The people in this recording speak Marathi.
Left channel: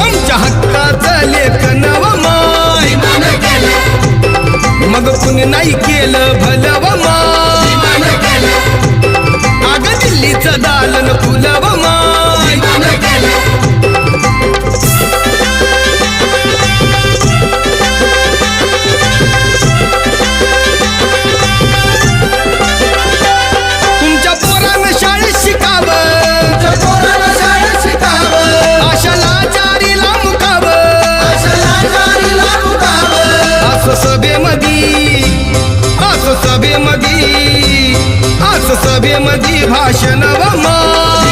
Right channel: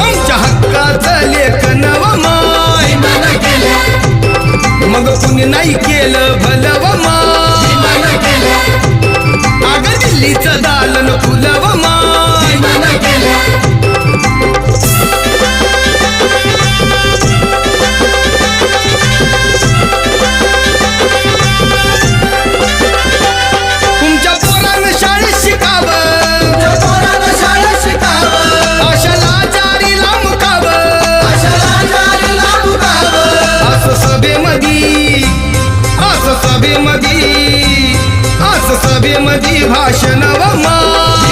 आमच्या हक्काचं लेखन व माय मग कुणी नाही केलं भलं व माय अग दिल्लीचं दालन फुलं व माय तुमच्या पोरानं शाळेत शिकावं आशाला जारीला मुकावं असं सभेमधी भाषण व माय